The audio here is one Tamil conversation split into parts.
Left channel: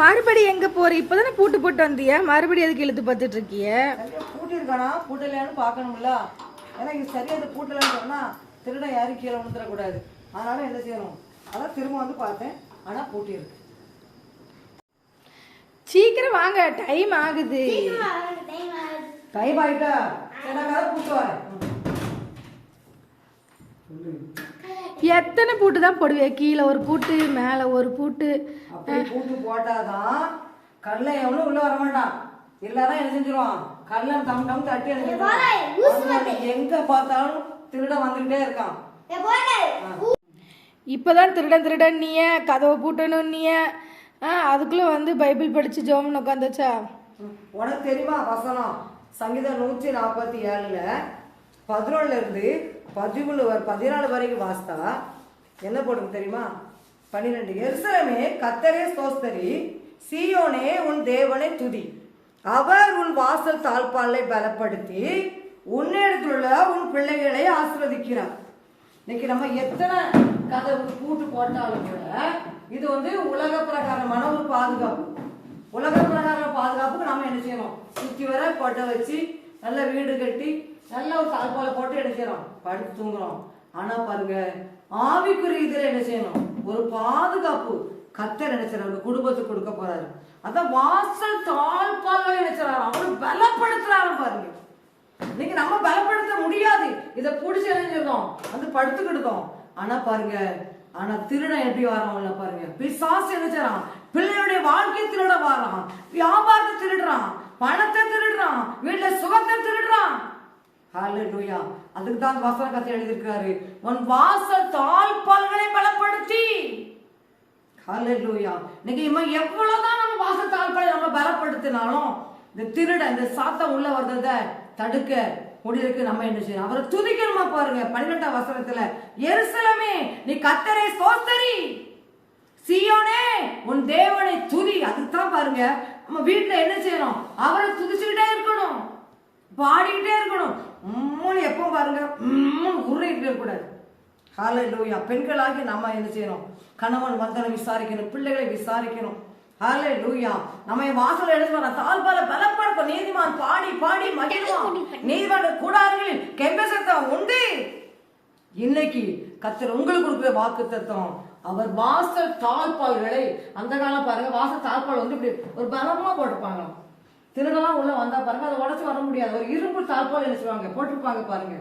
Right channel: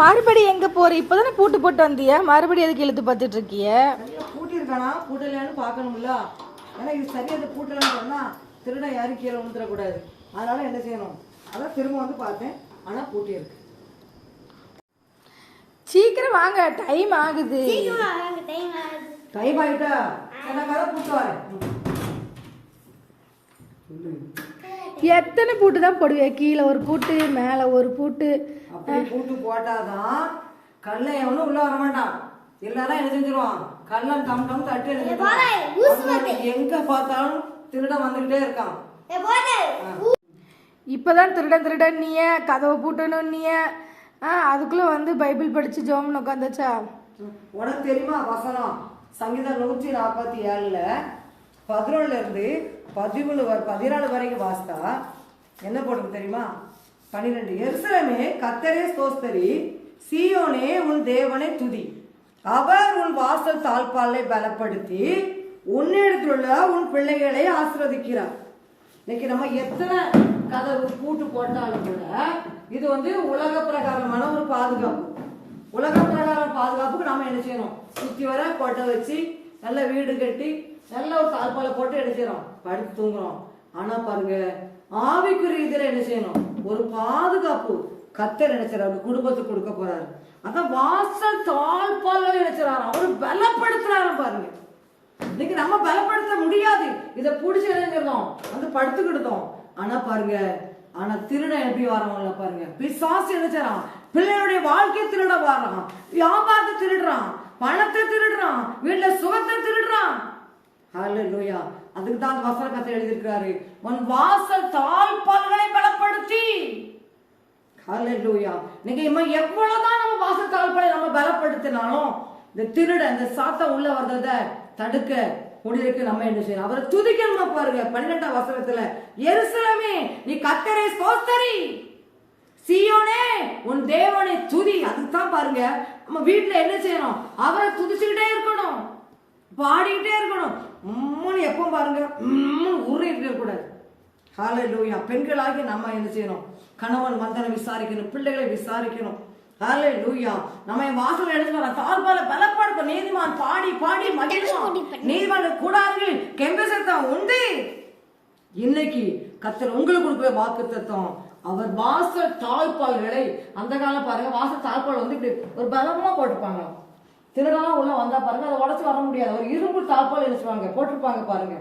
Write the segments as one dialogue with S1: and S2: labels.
S1: மறுபடி எங்க போற? இப்பதானே பூட்டு போட்டு வந்திய. மறுபடி எதுக்கு இழுத்து பார்த்துட்டு இருக்கிய
S2: பூட்டி இருக்கானா? பூட்டலையான்னு பாக்கணும்ல ஏன்னா இது சரியா இது பூட்டலன்னு திருட யாரும் கீழே விழுந்துடக்கூடாது. அதனால என்ன செய்யணும்? அதான் திரும்ப வந்து பார்த்தேன். ஆனா பூட்டி இருக்கு.
S1: சீக்கிரம் வாங்க டைம் ஆகுது.
S2: டைம் ஆயிட்டா?
S1: எத்தனை பூட்டு தான் போடுவிய? கீழே ஒரு பூட்டு மேலே ஒரு பூட்டு.
S2: பூட்டு போட்டாதான் கள்ளன் எவனும் உள்ள வர மாட்டான். இல்லதான் என்ன செஞ்சிருவான்? கள்ளன் டம் டம் தட்டி எழுதிருவான் எங்க பார்த்தாலும் திருடன் வந்துகிட்டே இருக்கான்.
S1: இப்பதான் திருடன் திருடன் நீய கதவை பூட்டணும் நீய. ஆ அதுக்குள்ள வந்து பைபிள் படிச்சு ஜோமன் உட்காந்துச்சா
S2: உனக்கு தெரியுமா வசனம்? சங்கீதம் நூற்றி நாற்பத்தி ஏழுல பதினொன்னுல இருந்து பதிமூணு பதினாலு வரைக்கும் வாசித்தா என்ன போட்டு தெரியுமா? பன்னிரெண்டு எருசலமே கத்தரே சோஸ்தரி சீயோனே உன் தேவனை துதி. அவர் உன் வாசல் தாழ்பாலை பலப்படுத்தி உன்னிடத்துள்ள உன் பிள்ளைகளை ஆசிர்வதிக்கிறார். இன்னைக்கு நம்ம எத்தனை கதவு பூட்டு போட்டாலும் கூட இது வந்து உலக பிரகாரமான ஒரு பாதுகாப்பு. உலக பிரகார பாதுகாப்புக்கு நாம என்ன செய்யணும் சுத்தி வர கொட்டை வச்சு நல்ல வீடு கட்டி நல்ல ஒரு தாழ்பாலை போட்டு என்ன செய்யறோம்? படுத்து தூங்குறோம். ஆனா பாருங்க ஆவிக்குரிய இதுல என்ன செய்யணும்? ஒரு பாதுகாப்பு. கத்தர் நினைச்சாரு குடும்பத்துக்கு கொடுக்க போறாரு. அதான் வாசல் தாழ்பாலை நினைச்சாரு அவரு பலப்படுத்துறாரு பாருங்க. இன்னைக்கு நம்ம பலப்படுத்த முடியாது. இதை பிடிச்சி என்ன இணைஞ்சிருந்தோம் வந்து படுத்துக்கிட்டோம். ஆனா பாருங்க ஆனா திருடன் எப்படி வர்றவங்கள பாருங்க. பிசாசு என்ன பிள்ளையுடைய வாழ்க்கை வாழ்க்கையை திருட வர்றான் வியாபாரத்தை திருடுறான். பணத்தை திருடுறான். வீட்டுல சுகத்தை திருடுறான். ஹalleluya அதுக்கு தான் வசன கத்தை எழுதியிருக்காரு. உன் வாசல் தாழ்பால்களை பலப்படுத்தி. ஹalleluya நீங்க இம்மா எவ்வளவுதான் நம்ம வாசல் தாழ்பாலை நம்ம பலப்படுத்தினாலும் இந்த திருட இந்த சாத்தம் உள்ள வர்றத தடுக்க முடிவிற்கு நம்ம என்ன செய்யணும்? அவரை துதிக்கணுமா பாருங்க. பன்னிரெண்டாம் வசனத்துல எருசலமே நீ கத்தரை சோஸ்தரி! சியோனே உன் தேவனை துதி! அதுதான் பாருங்க. நம்ம வீட்டுல என்ன செய்யணும்? அவரை துதிச்சுக்கிட்டே இருக்கணும். பாடிக்கிட்டே இருக்கணும். உம்முன்னு எப்போ பாருங்க உம்முன்னு உருகிட்டு இருக்கக்கூடாது. ஹalleluya. பெண்களாகி நம்ம என்ன செய்யணும்? கணவன் வந்தனை விசாரிக்கணும் பிள்ளைகளை விசாரிக்கணும். ஹalleluya நம்ம வாசல் எழுதி வர தாழ்பால பலப்படுத்த நீதிமான் பாடி பாடி மகிழ்வான். நீதிமான் கூடார்கள் கெம்பசத்தம் உண்டு இன்னைக்கு கத்தர் உங்களுக்கு கொடுக்குற வாக்கு தத்துவம். அவர் வாசல் தாழ்பால்களை அந்த காலம் பாருங்க வாசல் தாழ்பால் வந்து இப்படி ஒரு பலமா போட்டிருப்பாங்க. திருடெல்லாம் உள்ள வந்தா பாருங்க அதை உடச்சு வர முடியாது. ஒரு இரும்பு தாழ்பால் என்ன போட்டிருப்பாங்க பாருங்க.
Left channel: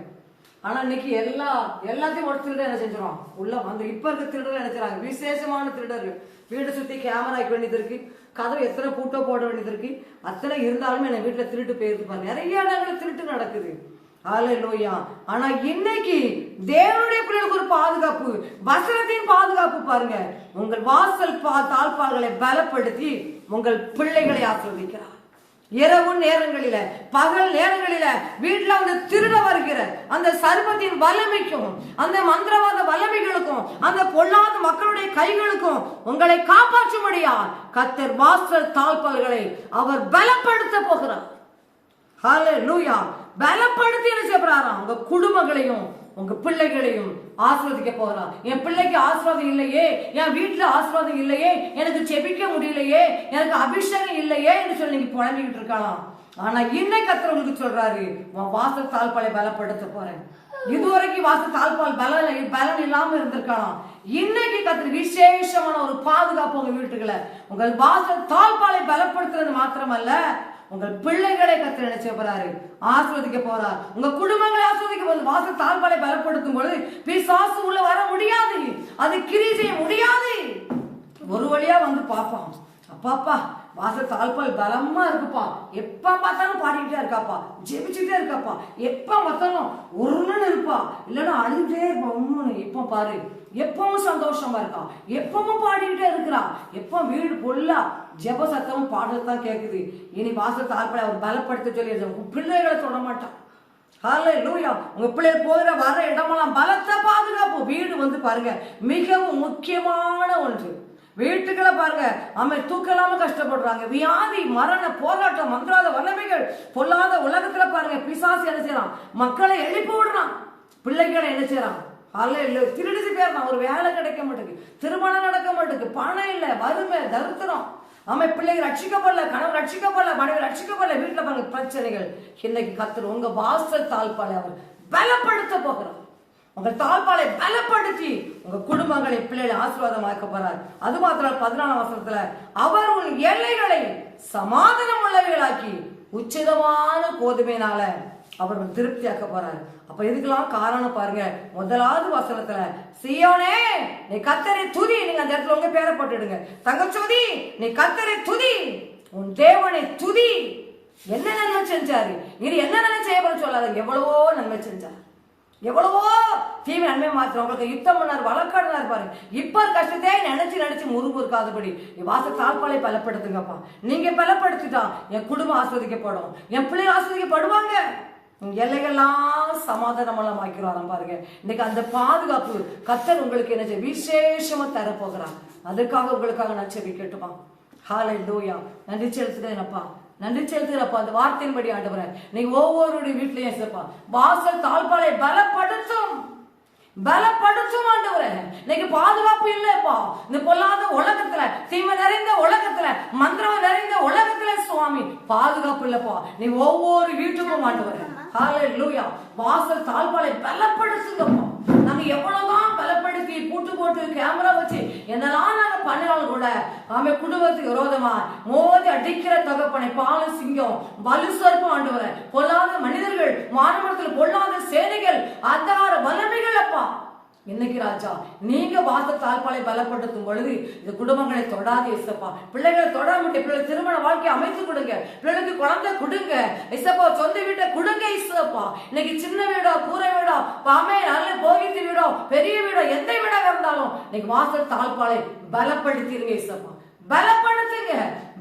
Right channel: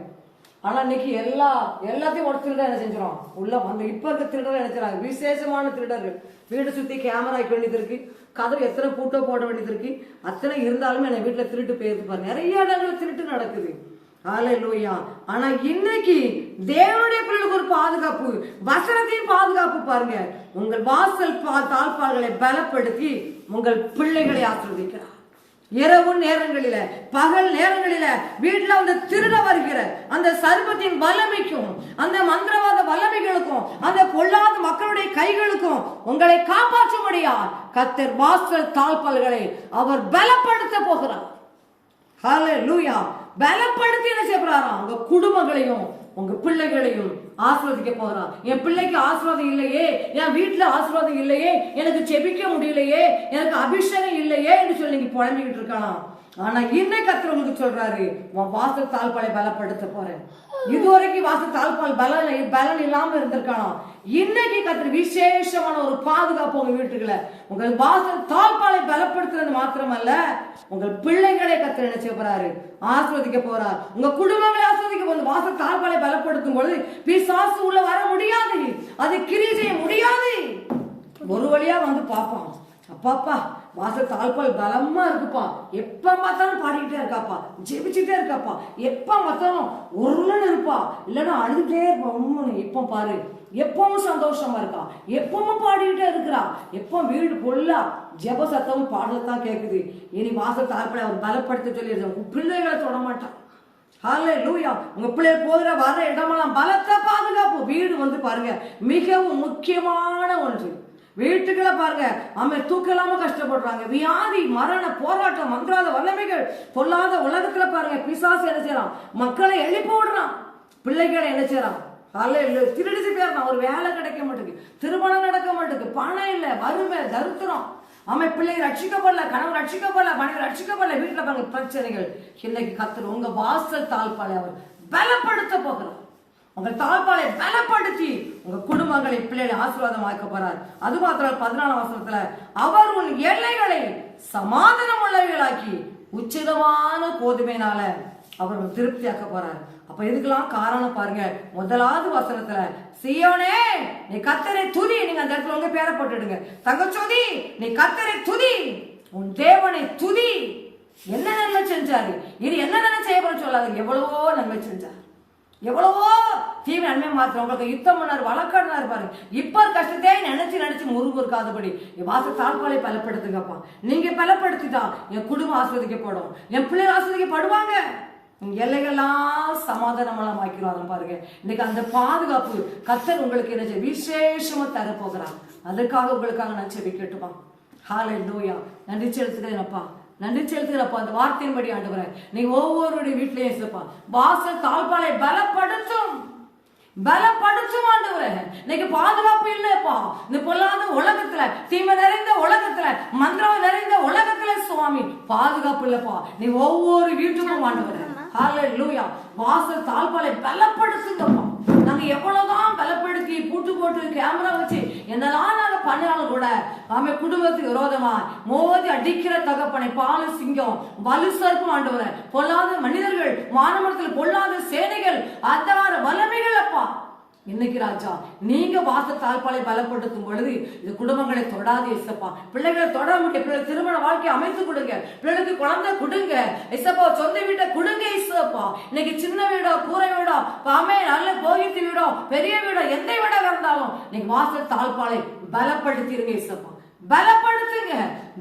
S2: ஆனா இன்னைக்கு எல்லா எல்லாத்தையும் ஒரு திருடர் என்ன செஞ்சிடும் உள்ள வந்து இப்ப இருக்க திருடர் என்ன செய்றாங்க? விசேஷமான திருடர்கள். வீடு சுத்தி கேமரா வைக்க வேண்டியது இருக்கு. கதவு எத்தனை பூட்டோ போட வேண்டியது இருக்கு. அத்தனை இருந்தாலுமே என்ன வீட்டுல திருட்டு போயிருக்கு நிறைய இடங்கள் திருட்டு நடக்குது. ஹalleluya. ஆனா இன்னைக்கு தேவனுடைய பிள்ளைகளுக்கு ஒரு பாதுகாப்பு வசனத்தின் பாதுகாப்பு பாருங்க. உங்கள் வாசல் பா தாழ்பால்களை பலப்படுத்தி உங்கள் பிள்ளைகளை ஆசிர்வதிக்கிறார். இரவு நேரங்களில பகல் நேரங்களில வீட்டுல வந்து திருட வருகிற அந்த சர்பத்தின் வல்லமைக்கும் அந்த மந்திரவாத வல்லமைகளுக்கும் அந்த பொல்லாத மக்களுடைய கைகளுக்கும் உங்களை காப்பாற்றும்படியா கத்தர் வாசல் தாழ்பால்களை அவர் பலப்படுத்த போகிறார். லூயா பலப்படுத்தி என்ன செய்ய உங்க குடும்பங்களையும் உங்க பிள்ளைகளையும் ஆசிர்வதிக்க போகிறார். என் பிள்ளைக்கு ஆசிர்வாதம் இல்லையே என் வீட்டுல ஆசீர்வாதம் இல்லையே எனக்கு செபிக்க இல்லையே எனக்கு அபிஷேகம் இல்லையே என்று சொல்லி நீங்க புலம்பிக்கிட்டு இருக்கலாம். ஆனா இன்னைக்கு கத்தர் உங்களுக்கு சொல்றாரு வாசல் தாழ்பாலை பலப்படுத்த போறேன். இதுவரைக்கும் வாசல் தாழ்பால் பலன் பலன் இல்லாம இருந்திருக்கலாம். இன்னைக்கு கத்திர விசேஷமான ஒரு பாதுகாப்பு உங்க வீட்டுக்குள்ள உங்கள் வாசல் தாழ்பாலை பலப்படுத்துறது மாத்திரமல்ல உங்கள் பிள்ளைகளை கத்திர நினைச்ச போறாரு? ஆஸ்வதிக்க போறார். உங்க குடும்பங்களை ஆஸ்வதிக்க போது வாசல் தாழ்பாலை பலப்படுத்தும் பொழுது பிசாசு உள்ள வர முடியாது. அது கிரி செய்ய முடியாது. ஒரு வழியா வந்து பார்ப்பான். அப்பாப்பா வாசல் தாழ்பால் பலமா இருக்குப்பா. எப்ப பார்த்தாலும் பாடிக்கிட்டே இருக்காப்பா. ஜெபிச்சுட்டே இருக்காப்பா. எப்ப பார்த்தாலும் ஒருன்னு இருப்பா. இல்லைன்னா அழுதுட்டே இருப்பான் எப்போ பாரு. எப்பவும் சந்தோஷமா இருக்கா. எப்பவும் பாடிக்கிட்டே இருக்கிறா. எப்போ வீடு பொல்லா ஜெப சத்தமும் பாடத்தான் கேட்குது இனி வாசல் தாழ்பால் அவர் பலப்படுத்த சொல்லி பிள்ளைகளை தொட மாட்டான். ஹalleluya உங்க பிள்ளைய போகிற வர இடமெல்லாம் பலத்தை பாதுகாப்பு. வீடு வந்து பாருங்க மிகவும் முக்கியமான ஒன்று. வீட்டுக்களை பாருங்க. ஆமை தூக்கலாம கஷ்டப்படுறாங்க. வியாதி மரண போராட்டம் மந்திராத வல்லமைகள் பொல்லாத உலகத்துல பாருங்க. பிசாசு என்ன செய்யறான்? மக்களை எழுப்பி விடுறான். பிள்ளைகளை என்ன செய்யறான்? அல்ல திருடிச்சு போயிடறான். ஒரு வேலை கிடைக்க மாட்டேங்குது. திருமணம் நடக்க மாட்டேங்குது. பணம் இல்ல வறுமை தருத்திரம். ஆமை பிள்ளைங்க ரட்சிக்கப்படல கணவன் ரட்சிக்கப்படல மனைவி ரட்சிக்கப்படல. வீட்டுல பாருங்க பிரச்சனைகள். இன்னைக்கு கத்துரு உங்க வாசல் தாழ்பாலை அவர் பலப்படுத்த போகிறோம் உங்கள் தாழ்பாலை பலப்படுத்தி உங்க குடும்பங்களை பிள்ளைகளை ஆசீர்வாதமாக்க போறார் அது மாத்திரம் பதினாலாம் வசனத்துல அவர் உன் எல்லைகளை சமாதானம் உள்ளவைகளாக்கி உச்சிதமான கோதுமையினால அவர் உன் திருப்தியாக்க போறார். அப்ப இதுக்கெல்லாம் காரணம் பாருங்க. முதலாவது வசனத்துல சியோனே நீ கத்தரை துதி. நீங்க அந்த இடத்துல உங்க பேரை போட்டுடுங்க. தங்கச்சோதி நீ கத்தரை துதி. உன் தேவனை துதி. என்ன நன்மை செஞ்சாரு? இது என்ன நன்மை செய்யப்படும் சொல்லாது சொல்லாத. எவ்வளவோ நன்மை செஞ்சார். எவ்வளவோ தீவிர நன்மை மாத்திரம் உங்களுக்கு யுத்தம் பண்ணார் வழக்காடினார் பாருங்க. இப்ப கஷ்டத்தை நினைச்சு நினைச்சு முருகு இருக்காதபடி என் வாச தாழ்பாலை பலப்படுத்துங்கப்பா. நீங்க பலப்படுத்திட்டா என் குடும்பம் ஆஸ்வதிக்கப்படும் என் பிள்ளைகள் ஆஸ்வதிக்கப்படுவாங்க எல்லைகள்லாம் சமாதானம் ஆக்கிறோம் பாருங்க. இன்னைக்கு அந்த பாதுகாப்பு கத்தர் உங்களுக்கு என்ன விசேஷமா தரப்போகிறான் அதுக்காக உங்களுக்காக நான் செவி கேட்டுப்பான் ஹாலை லூயா நன்றி செலுத்துகிறேன்ப்பா நன்றி செலுத்துகிறப்பா அந்த வார்த்தையின்படி ஆண்டவரே. நீ ஒவ்வொருடைய வீட்லயும் இருப்பா வாசல் தாழ்பாலை பலப்படுத்தும். பலப்படுத்தும் ஆண்டவரே. இன்னைக்கு பாதுகாப்பு இல்லப்பா இந்த பொல்லாத உலகத்துல தீமை நிறைந்த உலகத்துல மந்திரம் நிறைந்த உலகத்துல சுவாமி பாதுகாப்பு இல்லப்பா. நீ ஒவ்வொரு வீட்டுக்கும் ஆண்டவரே. ஹalleluya வாசல் தாழ்பாலை பலப்படுத்துங்கப்பா. நாங்க எவ்வளவுதான் பலப்படுத்தி கூட்டு போட்டு கேமரா வச்சு என்னெல்லாம் கூட. ஆமே குடும்பத்துக்கு விரோதமா மோதி அடிக்கிற தகப்பனை பால சிங்கம் வலு சர்ப்பம் ஆண்டவர். பொல்லாத மனிதர்கள் மானவரத்தில் பொல்லாத சேனைகள் அத்தகார வல்லமைகள் அப்பா. இன்னைக்கு ராஜா நீங்க வாச தாழ்பாலை பலப்படுத்தும் பொழுது இந்த குடும்பங்களை தொடாது இசப்பா. பிள்ளைகளை தொட முடியும் பிள்ளைகள் திருமண வாழ்க்கை அமைத்து கொடுங்க. பிள்ளைகளுக்கு குழந்தை கொடுங்க. இசப்பா சொந்த வீட்டை கொடுங்க இசப்பா. இன்னைக்கு சின்ன வீடோ கூரை வீடோ பாமே நல்ல போகித்து வீடோ பெரிய வீடோ எந்த வீடாக இருந்தாலும் இன்னைக்கு வாசல் தாழ்பாலை பலப்படுத்திருங்க இசப்பா. பலப்படுத்துங்க.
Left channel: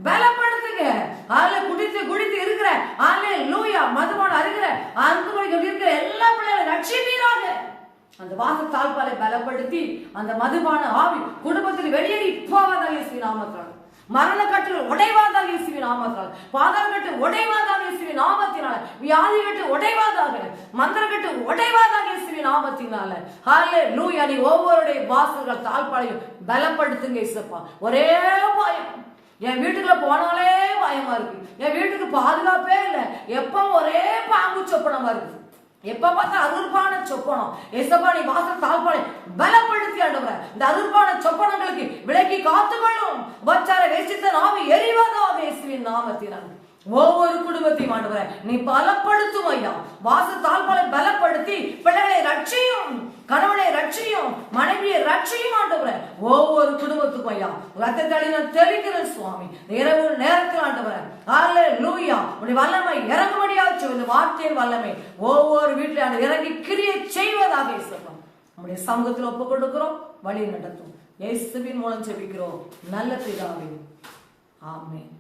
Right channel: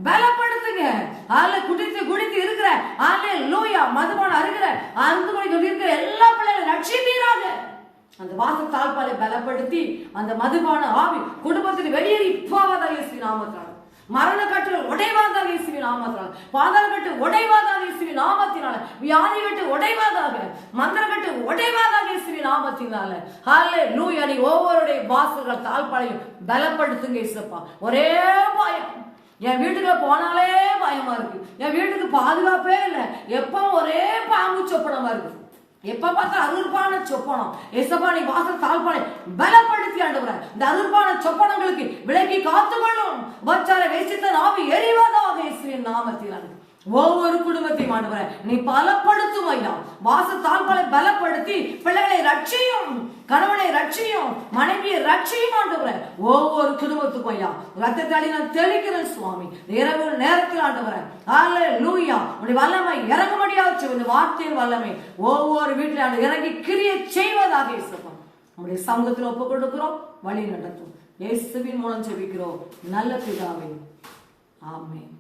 S2: பலப்படுத்துங்க. அதுல குடித்து குடித்து இருக்கிற ஆலே லூயா மதுபானம் இருக்கிற அருந்து குடிக்க இருக்கிற எல்லா பிள்ளைகளும் ரட்சிப்பீராக. அந்த வாச தாழ்பாலை பலப்படுத்தி அந்த மதுபான ஆவி குடும்பத்தில் வெளியேறி போவதாக இசை நாமத்தால். மரண கட்டுகள் உடைவாதாக இயேசுவின் நாமத்தால். பாதாள கட்டு உடைவாதாக இயேசுவின் நாமத்தினால. வியாதி கட்டு உடைவாதாக மந்திர கட்டு உடைவாதாக இயேசுவின் நாமத்தினால. ஹalலே லூயா நீ ஒவ்வொருடைய வாசல்கள் தாழ்பாலையும் பலப்படுத்துங்க இசப்பா ஒரே பயம். என் வீட்டுக்குள்ள போனாலே பயமா இருக்கு. என் வீட்டுக்கு பாதுகாப்பே இல்லை. எப்ப ஒரே பாம்பு சொப்பனமா இருக்கு. எப்ப பார்த்தா அருள்பான சொப்பனம். எசப்பா நீ வாசல் தாழ்பானை பலப்படுத்தி ஆண்டவர. இந்த அருள்பான சொப்பனங்களுக்கு விலக்கி காத்துக்கொள்ளும். வச்சார வேசித்த நாம எரிவதாக இயேசுவின் நாமத்தில். ஒவ்வொரு ஆண்டவர நீ பலப்படுத்தும் ஐயா வாசத்தால் பல பலப்படுத்தி பிள்ளைகளை ரட்சியும் கணவனை ரட்சியும் மனைவியை ரட்சியும் ஆண்டவர. ஒவ்வொரு குடும்பத்துக்கும் ஐயா. ரத்தத்தாடி நான் தெளிக்கிறேன் சுவாமி. இரவு நேரத்தில் ஆண்டவர. ஆல லூயா உடைய வல்லமை இறங்கும்படியாக சொல்லுது வார்த்தையின் வல்லமை. ஒவ்வொரு வீட்டில் இறங்கி கிரியை செய்வதாக இயேசுப்பா நம்முடைய சமூகத்தில் ஒப்பு கொடுக்கிறோம் வழி நடத்தும். இயேசுவின் மூலம் ஜெபிக்கிறோம். நல்ல பிதாவே. ஆமென்.